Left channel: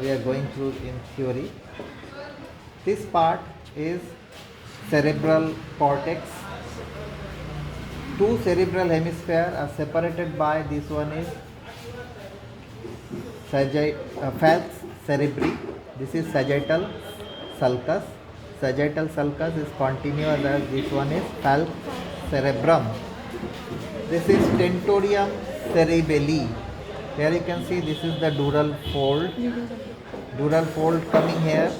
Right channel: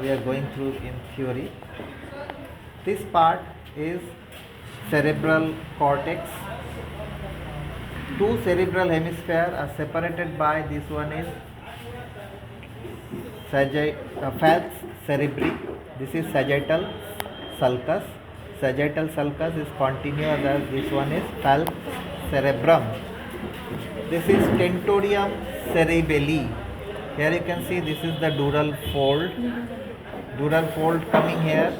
we are going through in theory. This part is cerebral cortex. Two cerebral hemispheres are separated by this one is falx cerebri. This is sagittal sulcus. Sagittal sulcus is continuous as this one is falx cerebrum. This is tentorium cerebelli. Here you can see this is the dural fold. Dural fold coming here,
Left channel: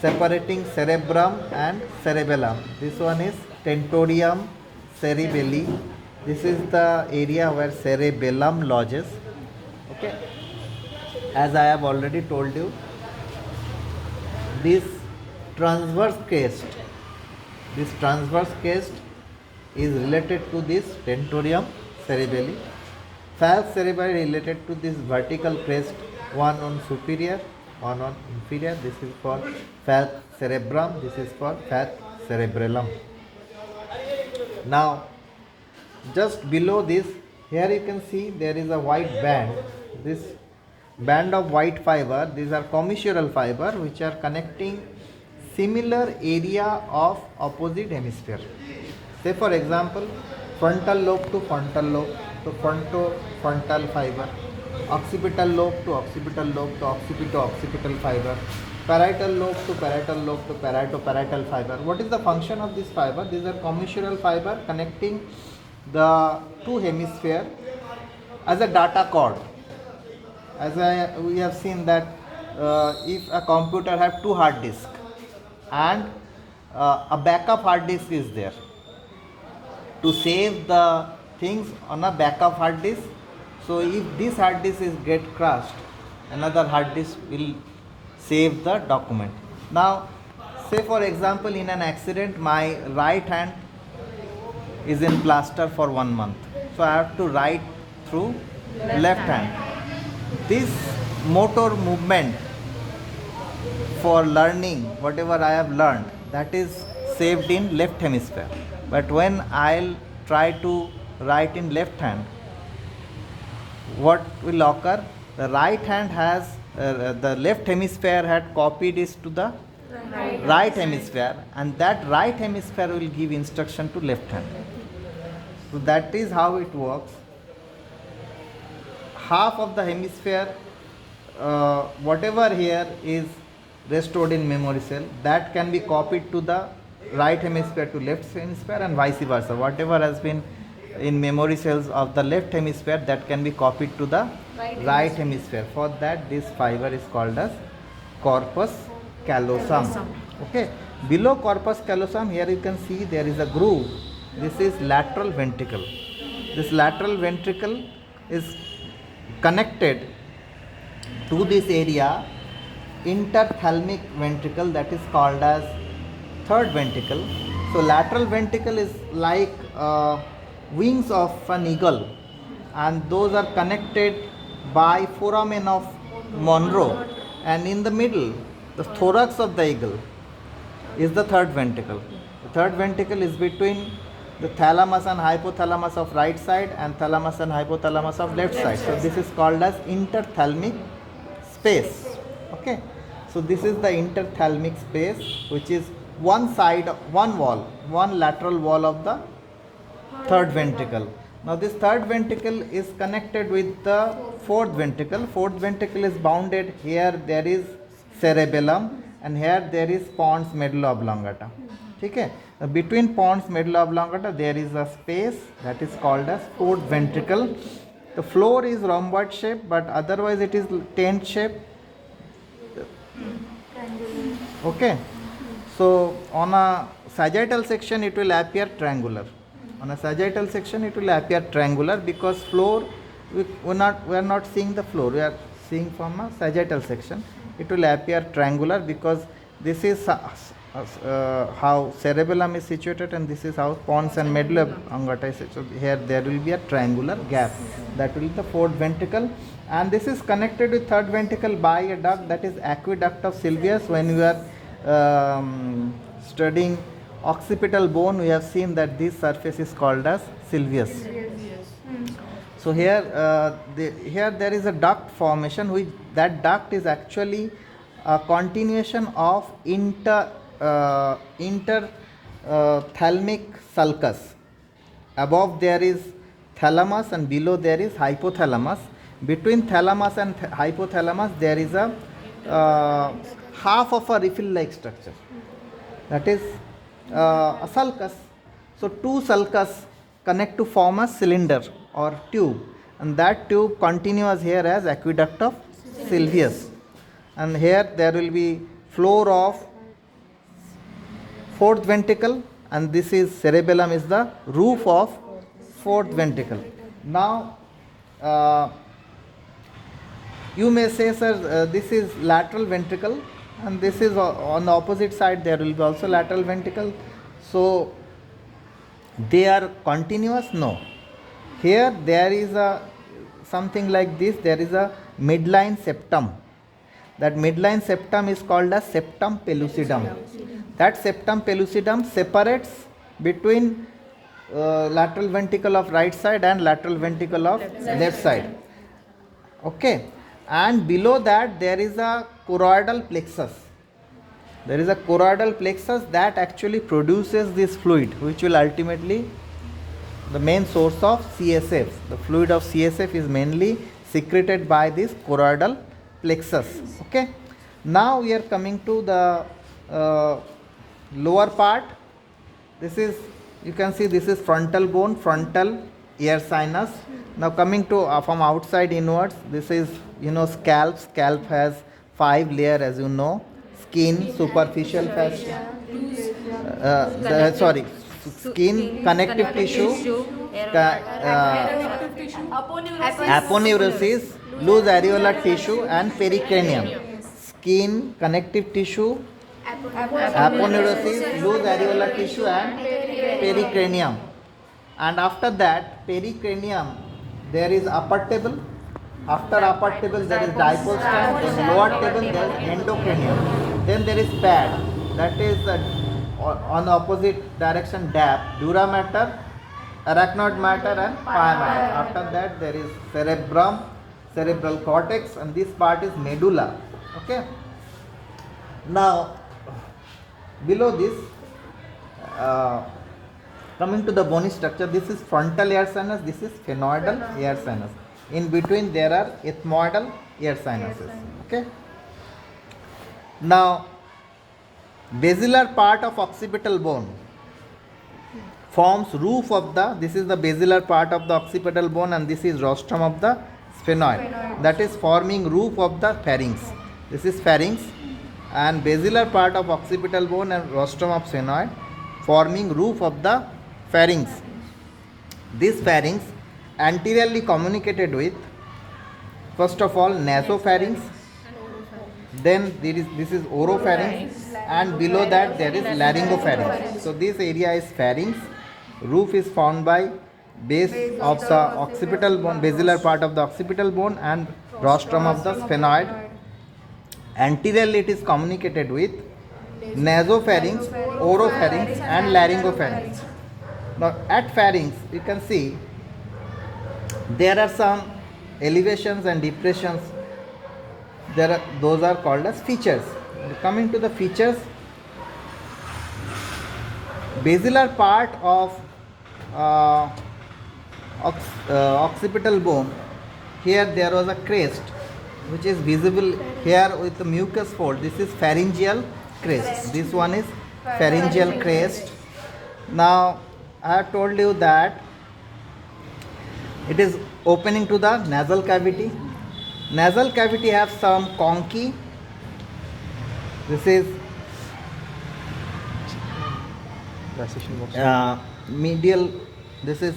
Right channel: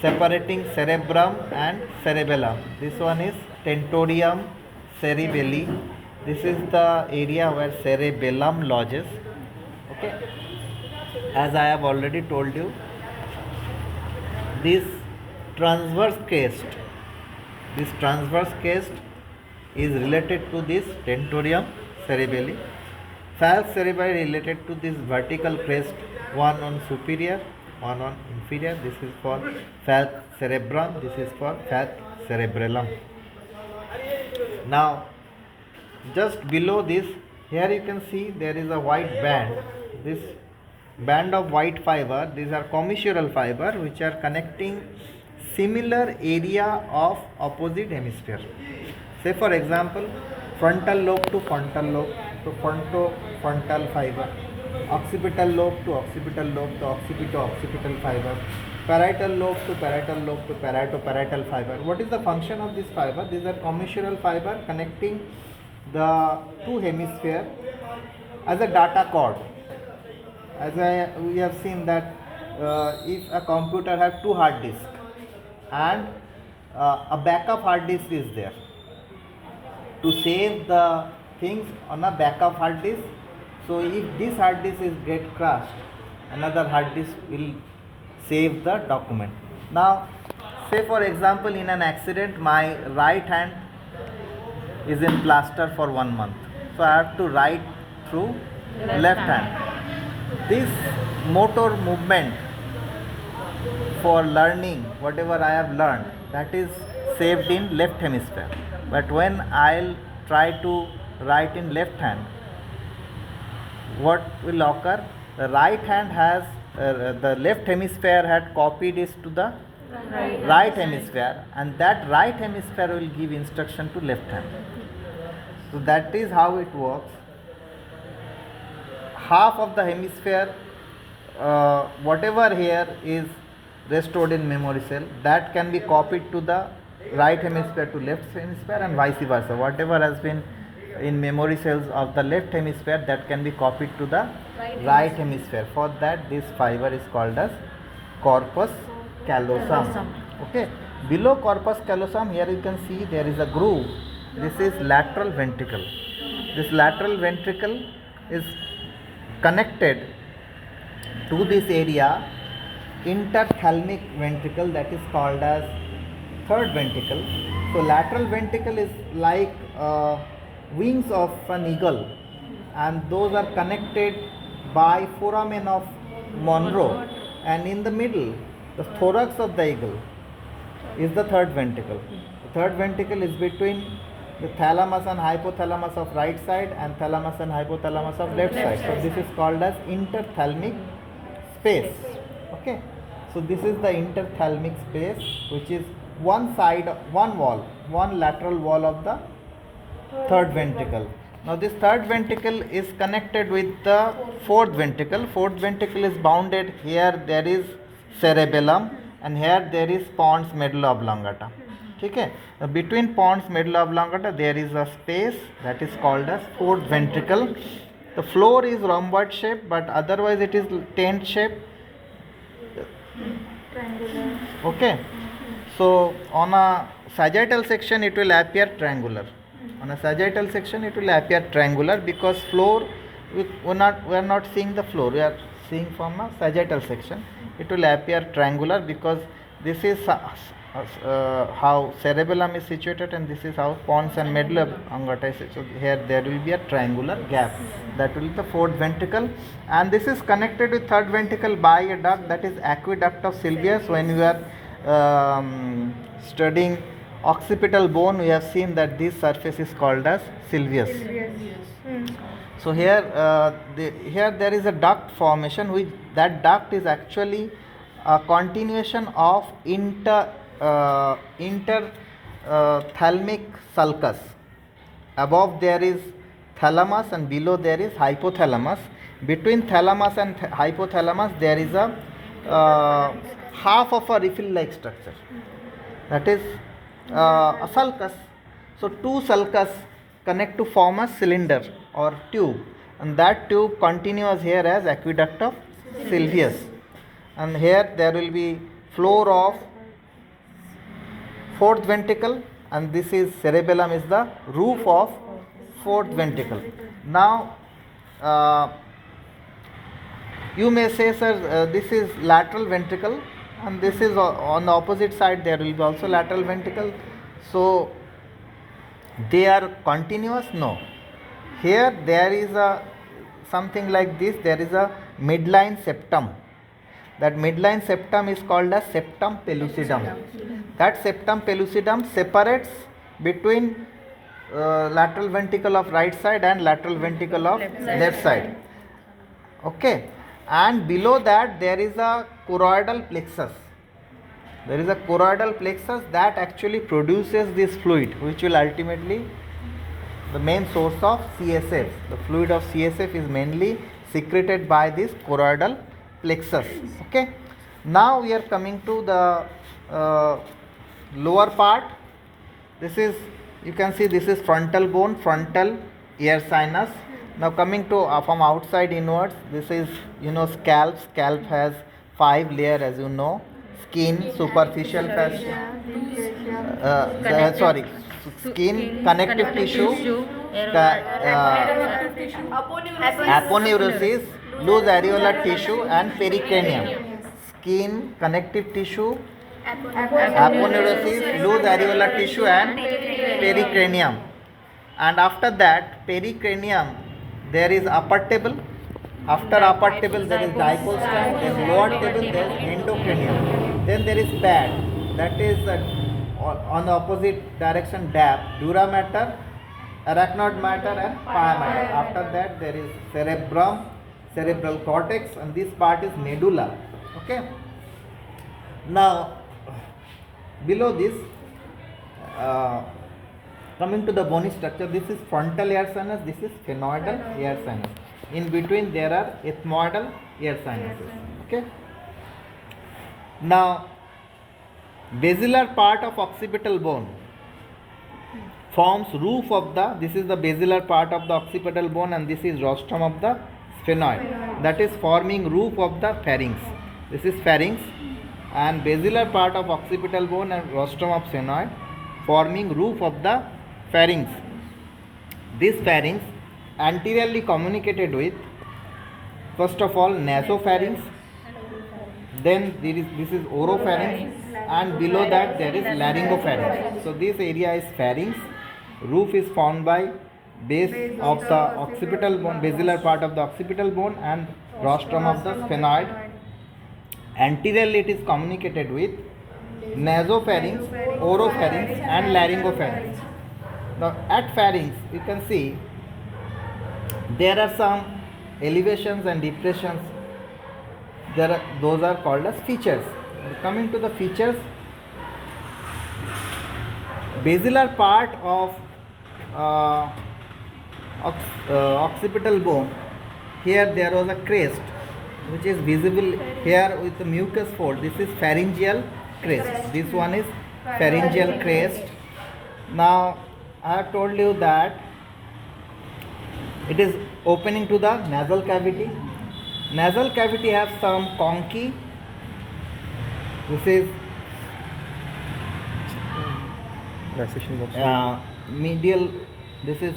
separating cerebrum and cerebellum. This one is tentorium cerebelli. This is the area where cerebellum lodges. Okay. As I have already told you, this transverse crest is related to this tentorium cerebelli. Falx cerebelli related to this vertical crest, one on superior, one on inferior. This is for falx cerebrum, this is for falx cerebellum. Now, just below this, here you can see there is a white band. This band of white fiber, these are commissural fiber which are connecting similar area of opposite hemisphere. Say for example, frontal lobe to frontal lobe, to frontal fiber, occipital lobe to occipital lobe, to occipital fiber, parietal lobe to parietal lobe to parietal fiber. What is the function of this fiber? These are commissural fiber connecting the two hemispheres as a data cord. As we have seen that if a computer has two hard disks and a backup hard disk is there, to save the things on a backup hard disk. So if this hard disk is get crushed, another hard disk will save the document. Now, say for example, in an accident, my right hand is in plaster for 1 month. So I have to write through left hand. This motor movement for learning whatever I have learned, that is saved in left hemisphere. But when I'll try to write in left hand, what will occur? The right hand has the left hemisphere had copied it to the right hemisphere, and that right hemisphere will give instruction to left hand. So that is how it works. Half of the hemisphere, whatever here is restored in memory cell, that can be copied to the right hemisphere to left hemisphere, and vice versa. Whatever has been in memory cells of the left hemisphere, that can be copied to the right hemisphere. For that, this fiber is called as corpus callosum. Okay. Below corpus callosum, here you can see there is a groove. This is lateral ventricle. This lateral ventricle is connected to this area, interthalamic ventricle, that is called as third ventricle. So lateral ventricle is like wings of an eagle, and those are connected by foramen of Monroe, and in the middle, the thorax of the eagle is the third ventricle. The third ventricle is between the thalamus and hypothalamus of right side and thalamus and hypothalamus of left side. So this is called as interthalamic space. Okay. So this is the interthalamic space, which is one side, one wall, one lateral wall of the third ventricle. Now this third ventricle is connected with the fourth ventricle. Fourth ventricle is bounded. Here there is cerebellum, and here there is pons medulla oblongata. Okay. Between pons medulla oblongata there is a space that is called as fourth ventricle. The floor is rhomboid shape, but otherwise it is tent shape. Okay. So on a sagittal section it will appear triangular. On a sagittal section it will appear triangular because floor, we are not seeing the floor, we are seeing from a sagittal section. It will appear triangular because this is how cerebellum is situated, and this is how pons and medulla oblongata is situated. So here there will be a triangular gap. That will be the fourth ventricle, and this is connected with third ventricle by a duct, that is aqueduct of Sylvius. When you are studying occipital bone, we have seen that this surface is called as Sylvius. So here, here there is a duct formation, which that duct is actually a continuation of interthalamic sulcus. Above there is thalamus and below there is hypothalamus. Between thalamus and hypothalamus there is a half of a refill-like structure. That is a sulcus. So two sulcus connect to form a cylinder or tube, and that tube continues here as aqueduct of Sylvius, and here there will be floor of fourth ventricle, and this is cerebellum is the roof of fourth ventricle. Now you may say, sir, this is lateral ventricle, and this is on the opposite side there will be also lateral ventricle. So they are continuous? No. Here there is a something like this. There is a midline septum. That midline septum is called a septum pellucidum. That septum pellucidum separates between lateral ventricle of right side and lateral ventricle of left side. Okay. And below that there is a choroidal plexus. There is a choroidal plexus that actually produces this fluid, which will ultimately the main source of CSF. The fluid of CSF is mainly secreted by this choroidal plexus. Okay. Now we are coming to the lower part. This is, you can see, this is frontal bone, frontal ear sinus. Now coming to from outside inwards, this is, scalp. Scalp has 5 layers, as you know. Skin, superficial fascia, skin, connective tissue, aponeurosis, loose areolar tissue, and pericranium. Skin, connective tissue, aponeurosis, loose areolar tissue, and pericranium. And after that, pericranium, there is upper table. After upper table there is dipole stem, then lower table there is endocranium. Then there is pad, that is on the opposite direction dap, dura mater, arachnoid mater, and pia mater. After that there is cerebrum, cerebral cortex, and this part is medulla. Okay. Now below this, coming to the bony structure, this is frontal ear sinus, this is sphenoidal ear sinus. In between there are ethmoidal ear sinuses. Okay. Now basilar part of occipital bone forms roof of the, this is the basilar part of the occipital bone, and this is rostrum of the sphenoid, that is forming roof of the pharynx. This is pharynx, and basilar part of occipital bone and rostrum of sphenoid forming roof of the pharynx. This pharynx anteriorly communicated with, first of all, nasopharynx, then this is oropharynx, and below that there is laryngopharynx. So this area is pharynx. Roof is formed by base of the occipital bone, basilar part of the occipital bone, and rostrum of the sphenoid. Anteriorly it is communicated with nasopharynx, oropharynx, and laryngopharynx. Now at pharynx you can see there are some elevations and depressions. Those are called as features. Coming to the features, basilar part of occipital bone, here there was a crest which is visible here with the mucus fold. This is pharyngeal crest. This one is pharyngeal crest. Now I have told you that it is opening to the nasal cavity. Nasal cavity has some conchae. This is medial. This is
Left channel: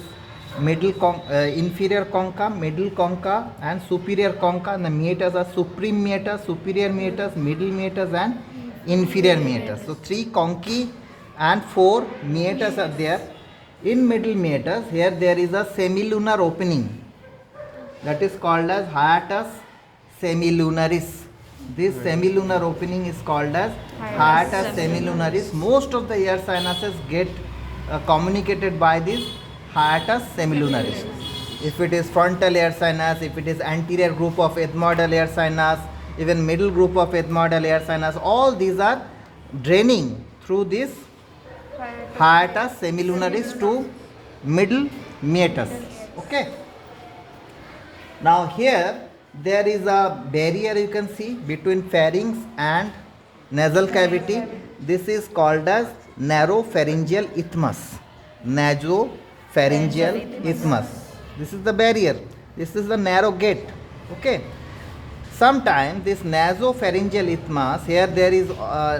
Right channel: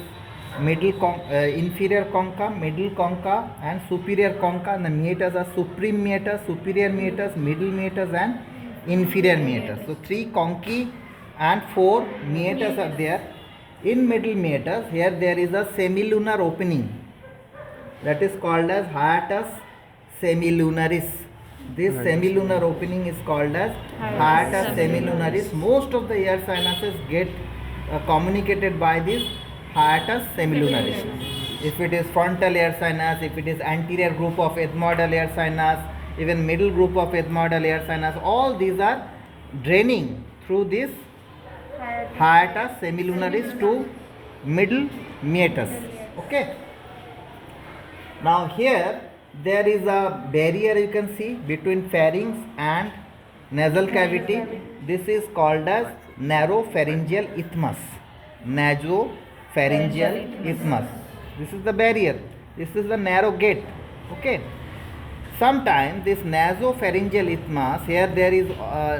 inferior concha, middle concha, and superior concha. And the meatus are supreme meatus, superior meatus, middle meatus, and inferior meatus. So 3 conchae and 4 meatus are there. In middle meatus, here there is a semilunar opening, that is called as hiatus semilunaris. This semilunar opening is called as hiatus semilunaris. Most of the ear sinuses get communicated by this hiatus semilunaris. if it is frontal air sinus, if it is anterior group of ethmoidal air sinus, even middle group of ethmoidal air sinus, all these are draining through this hiatus semilunaris to middle meatus. Okay. Now here there is a barrier you can see between pharynx and nasal cavity. This is called as narrow pharyngeal isthmus. Narrow pharyngeal isthmus. This is the barrier. This is the narrow gate. Okay. Sometimes this nasopharyngeal isthmus, here there is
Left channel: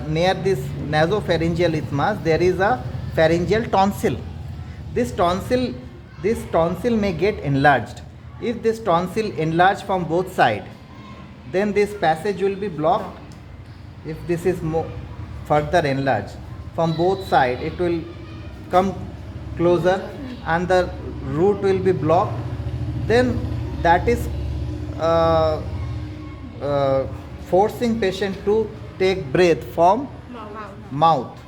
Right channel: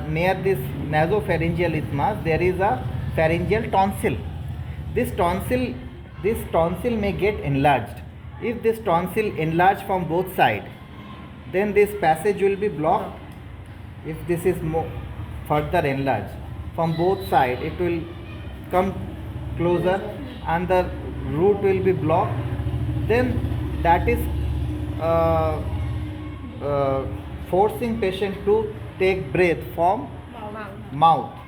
near this nasopharyngeal isthmus there is a pharyngeal tonsil. This tonsil may get enlarged. If this tonsil enlarged from both sides, then this passage will be blocked. If this is further enlarged from both sides, it will come closer and the root will be blocked. Then that is forcing patient to take breath from mouth.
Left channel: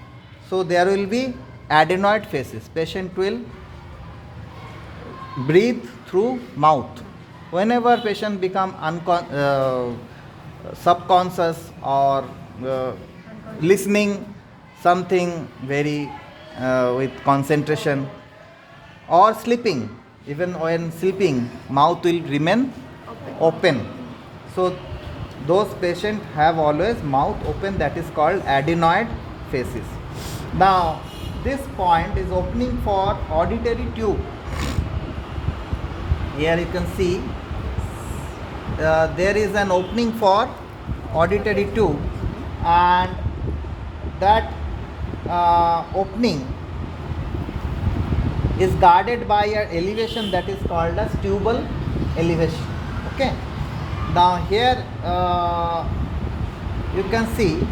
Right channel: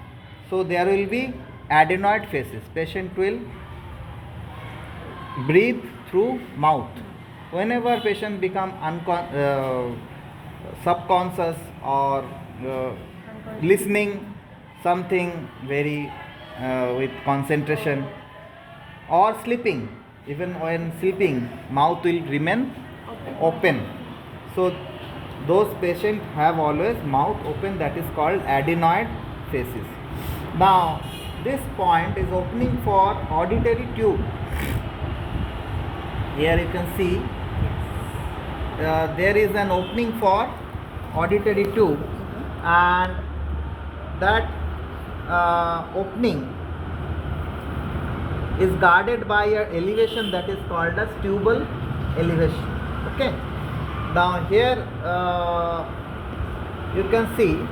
So there will be adenoid phases. Patient will breathe through mouth. Whenever patient become subconscious or listening something very with concentration or sleeping, even when sleeping, mouth will remain open. So those patients have always mouth open, that is called adenoid phases. Now this point is opening for auditory tube. Here you can see there is an opening for auditory tube, and that opening is guarded by an elevation that is called as tubal elevation. Okay. Now here you can see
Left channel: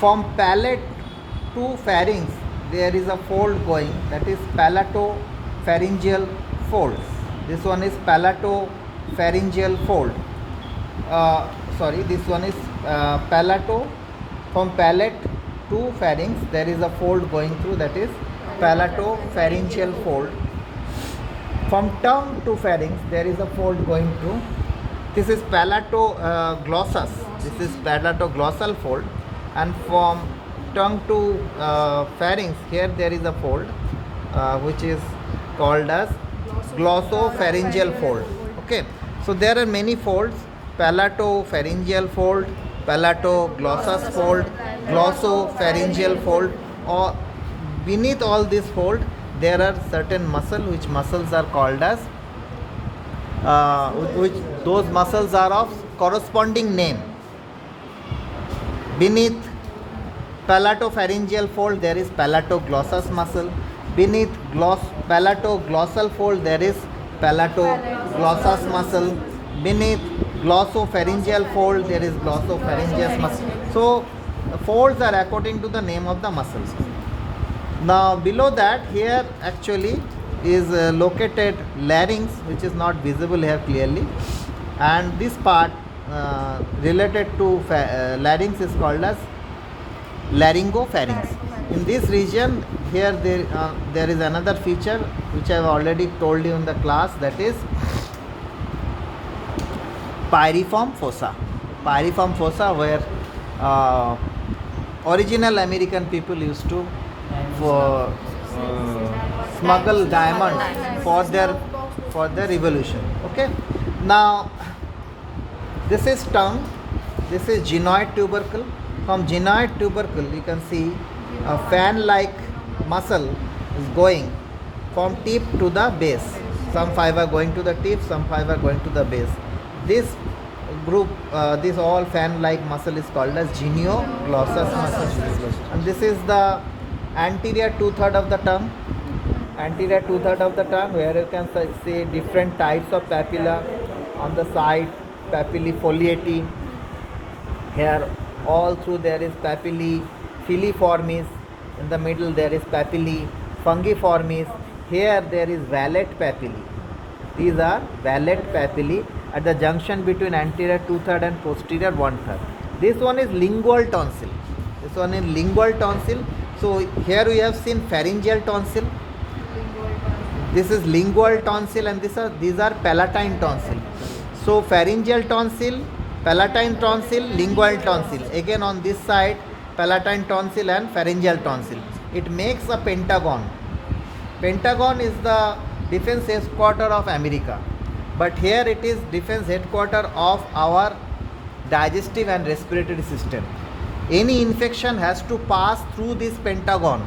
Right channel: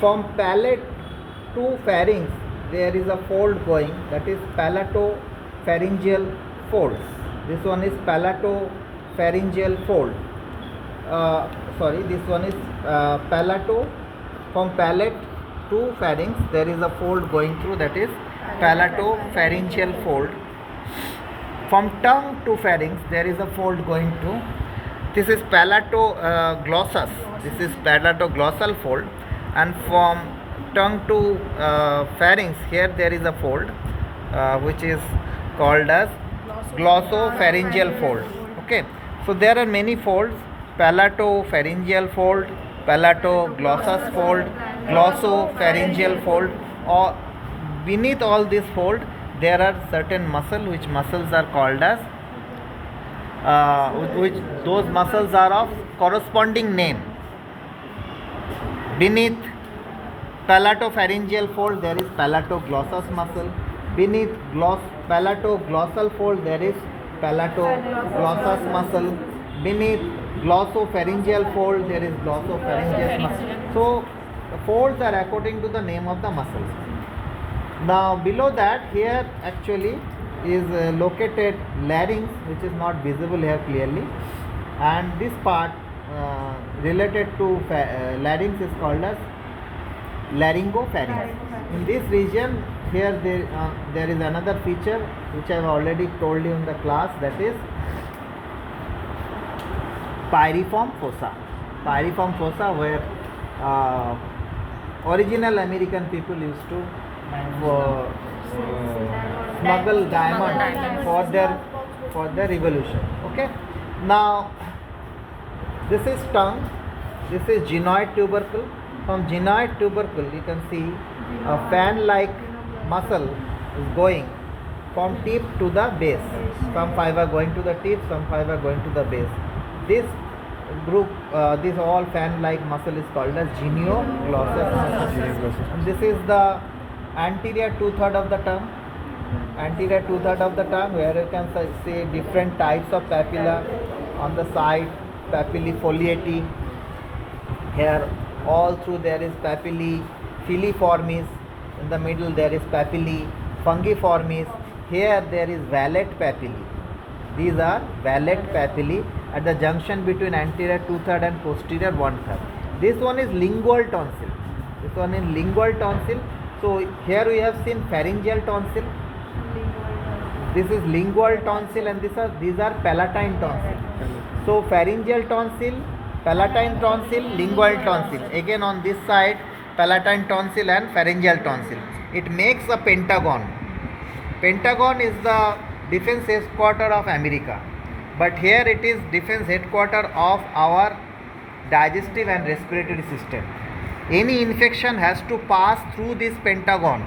from palate to pharynx there is a fold going, that is palatopharyngeal fold. This one is palatopharyngeal fold. This one is from palate to pharynx there is a fold going through, that is palatopharyngeal fold. From tongue to pharynx there is a fold going through. This is palatoglossus. This is palatoglossal fold, and from tongue to pharynx here there is a fold which is called as glossopharyngeal fold. Okay. So there are many folds: palatopharyngeal fold, palatoglossus fold, glossopharyngeal fold. Or beneath all this fold there are certain muscles, which muscles are called as which those muscles are of corresponding name. Beneath palatopharyngeal fold there is palatoglossus muscle. Beneath palatoglossal fold there is palatoglossus muscle. Beneath glossopharyngeal fold there is glossopharyngeal muscle. So the folds are according to the name of the muscles. Now below that, here actually is located larynx, which is not visible here clearly, and this part related to larynx is called as laryngopharynx. In this region here there is another feature which I have already told you in the class, that is pyriform fossa. Pyriform fossa, where original American people used to smuggle diamonds for their revolution. Okay. Now this is tongue. This is gynoid tubercle. From gynoid tubercle you can see a fan-like muscle is going from tip to the base. Some fiber going to the tip, some fiber going to the base. This group, this all fan-like muscle is called as genioglossus muscle. And this is the anterior two-third of the tongue. Anterior two-third of the tongue, where you can see different types of papilla. On the side, papillae foliati. Here all through there is papillae filiformis. In the middle there is papillae fungiformis. Here there is vallet papillae. These are vallet papillae at the junction between anterior two-third and posterior one-third. This one is lingual tonsil. This one is lingual tonsil. So here we have seen pharyngeal tonsil. This is lingual tonsil, and these are palatine tonsil. So pharyngeal tonsil, palatine tonsil, lingual tonsil. Again on this side, palatine tonsil and pharyngeal tonsil. It makes a pentagon. Pentagon is the defense headquarter of America, but here it is defense headquarter of our digestive and respiratory system. Any infection has to pass through this pentagon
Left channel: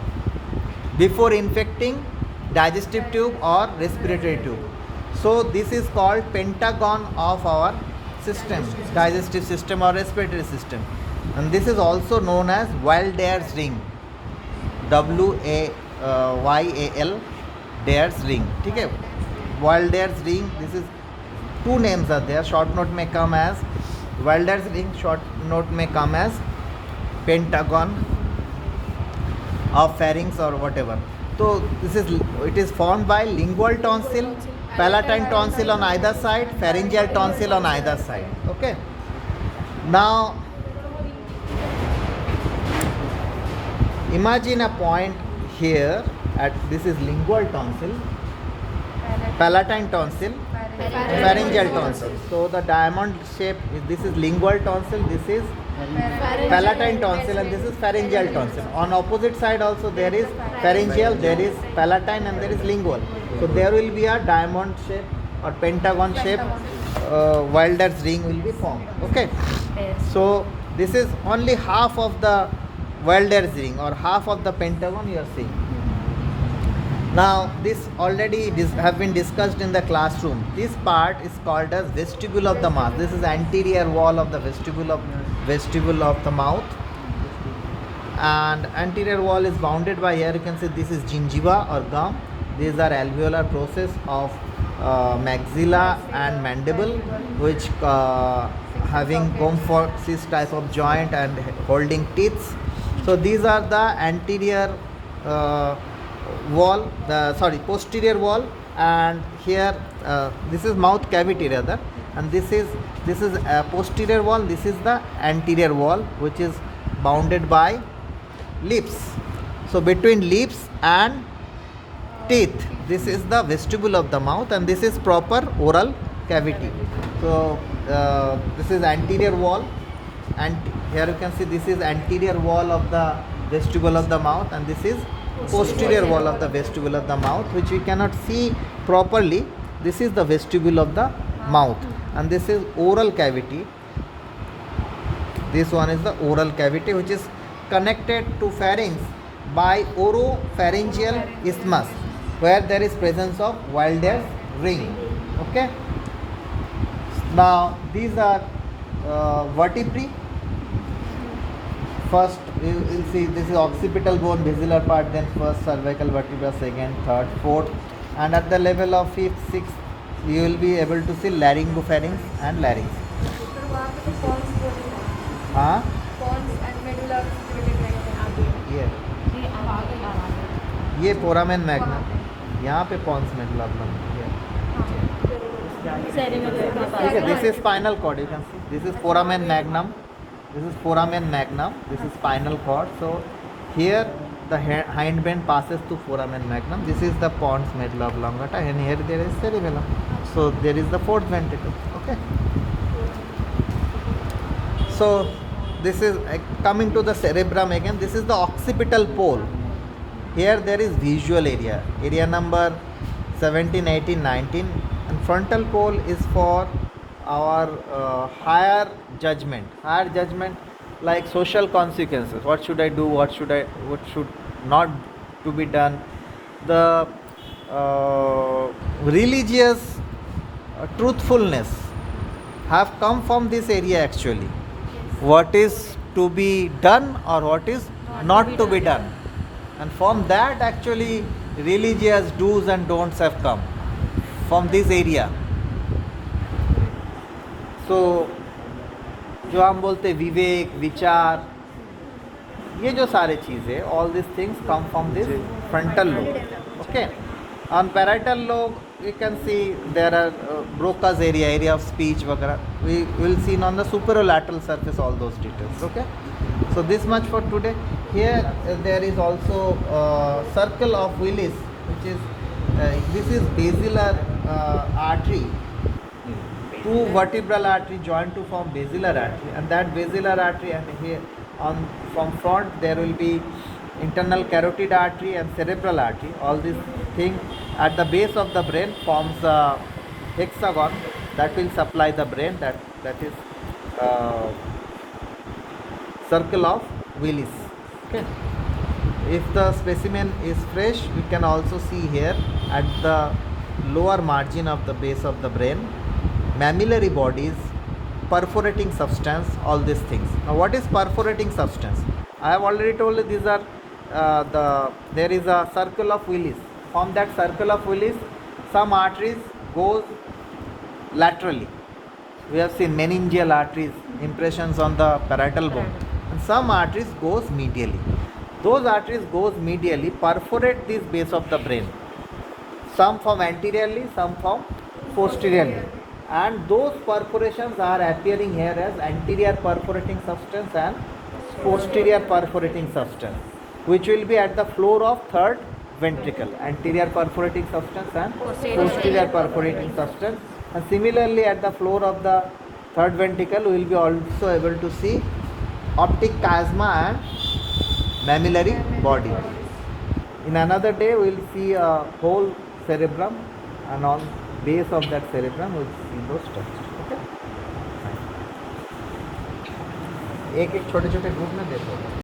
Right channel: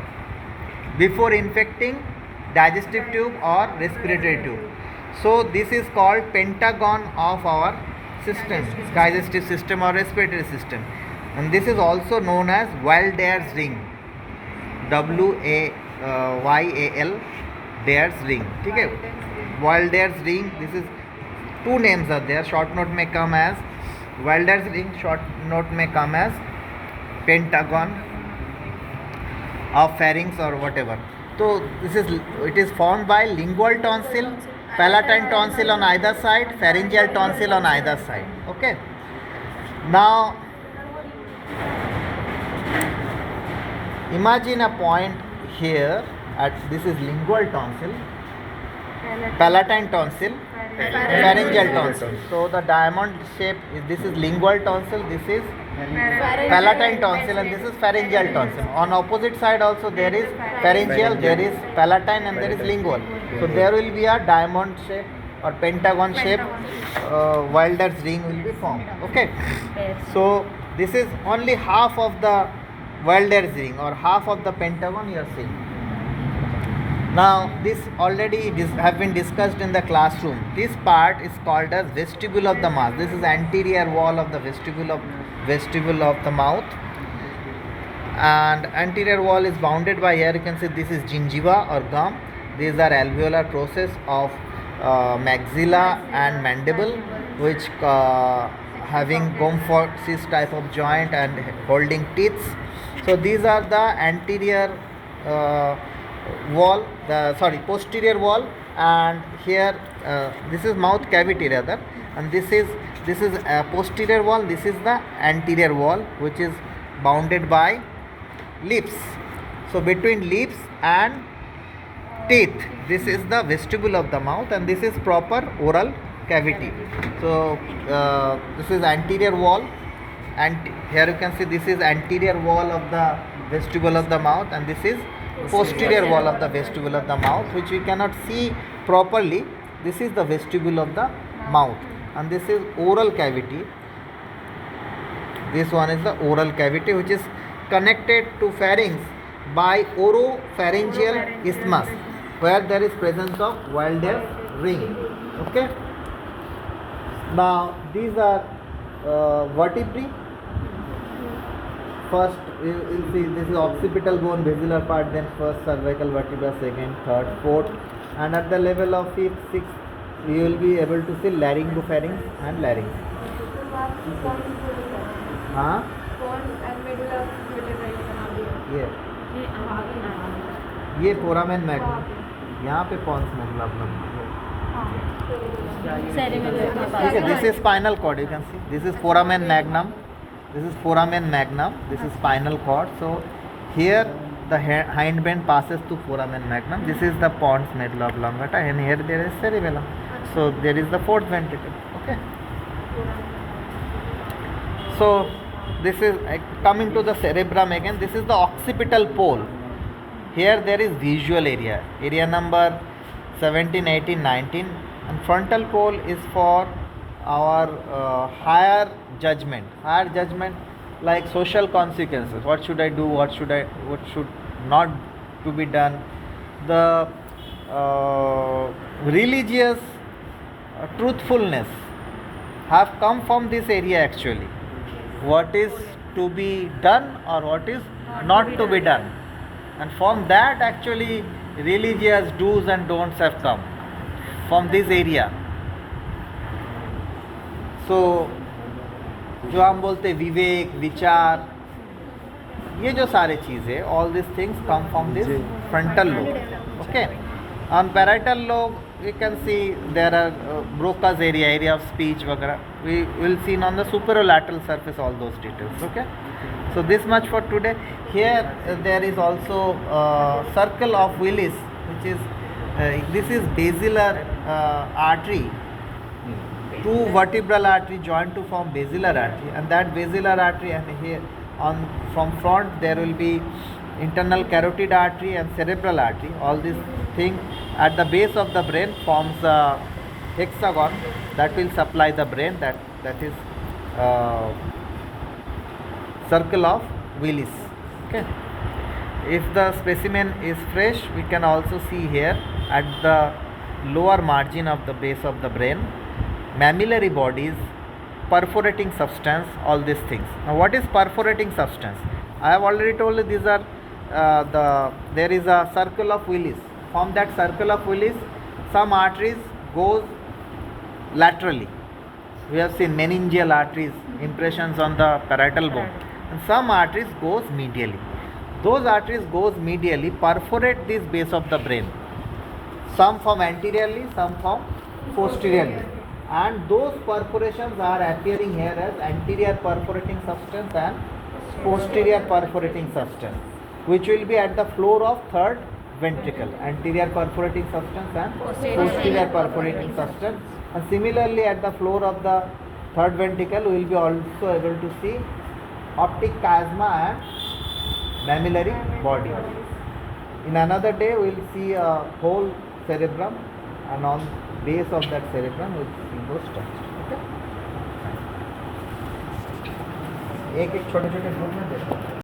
before infecting digestive tube or respiratory tube. So this is called pentagon of our system, digestive system or respiratory system, and this is also known as Waldeyer's ring. WAYAL Dayer's ring. ठीक है, Waldeyer's ring. This is two names are there. Short note may come as Waldeyer's ring. Short note may come as pentagon of pharynx or whatever. So it is formed by lingual tonsil, palatine tonsil on either side, pharyngeal tonsil on either side. Okay. Now imagine a point here at this is lingual tonsil, palatine tonsil, pharyngeal tonsil. So the diamond shape is, this is lingual tonsil, this is palatine tonsil, and this is pharyngeal tonsil. On opposite side also there is pharyngeal, there is palatine, and there is lingual. So there will be a diamond shape or pentagon shape. Waldeyer's ring will be formed. Okay. So this is only half of the Waldeyer's ring or half of the pentagon you are seeing. Now this already have been discussed in the classroom. This part is called as vestibule of the mouth. This is anterior wall of the vestibule of the mouth, and anterior wall is bounded by, here you can see this is gingiva or gum. These are alveolar process of maxilla and mandible, which having gomphoses type of joint and holding teeth. So these are the anterior wall, posterior wall, and here this is mouth cavity rather, and this is a posterior wall. This is the anterior wall, which is bounded by lips. So between lips and teeth, this is the vestibule of the mouth, and this is proper oral cavity. So this is anterior wall, and here you can see this is anterior wall of the vestibule of the mouth, and this is posterior wall of the vestibule of the mouth, which we cannot see properly. This is the vestibule of the mouth, and this is oral cavity. This one is the oral cavity, which is connected to pharynx by oropharyngeal isthmus, where there is presence of Waldeyer's ring. Okay. Now these are vertebrae. First you will see this is occipital bone, basilar part, then first cervical vertebra, second, third, fourth, and at the level of fifth, sixth you will be able to see laryngopharynx and larynx. हाँ ये foramen magnum, यहाँ पे pons magnum. This is spinal cord. You can see this is foramen magnum. This is foramen magnum. This is spinal cord. So here the hindbrain passes to foramen magnum. This is the pons medulla oblongata, and here there is cerebellum. So there is the fourth ventricle. Okay. So this is coming to the cerebrum again. This is the occipital pole. Here there is visual area number 17, 18, 19, and frontal pole is for our higher judgment like social consequences. What should I do? What should not to be done? The religious truthfulness have come from this area actually. What is to be done or what is not to be done, and from that actually religious do's and don'ts have come from this area. So जो हम बोलते विवेक, विचार, ये जो सारे चीज़ें, all these things come from this frontal lobe. Okay. On parietal lobe you can see there are Broca's area of speech वगैरह. We will see on the superolateral surface all those details. Okay. So this much for today. Here there is also circle of Willis, which is This is basilar artery. Two vertebral artery joined to form basilar artery, and that basilar artery, and here on from front there will be internal carotid artery and cerebral artery. All these things at the base of the brain forms a hexagon that will supply the brain. That is circle of Willis. Okay. If the specimen is fresh, we can also see here at the lower margin of the base of the brain, mammillary bodies, perforating substance, all these things. Now, what is perforating substance? I have already told you these are there is a circle of Willis. From that circle of Willis, some arteries goes laterally. We have seen meningeal arteries, impressions on the parietal bone, and some arteries goes medially. Those arteries goes medially, perforate this base of the brain. Some from anteriorly, some from posteriorly, and those perforations are appearing here as anterior perforating substance and posterior perforating substance, which will be at the floor of third ventricle, anterior perforating substance and posterior perforating substance. And similarly at the floor of the third ventricle, we will be also able to see optic chiasma and mammillary body. In another day we will see a whole cerebrum, and on base of that cerebrum we will see those structures. Okay? एक एक छोटे छोटे group में देखो.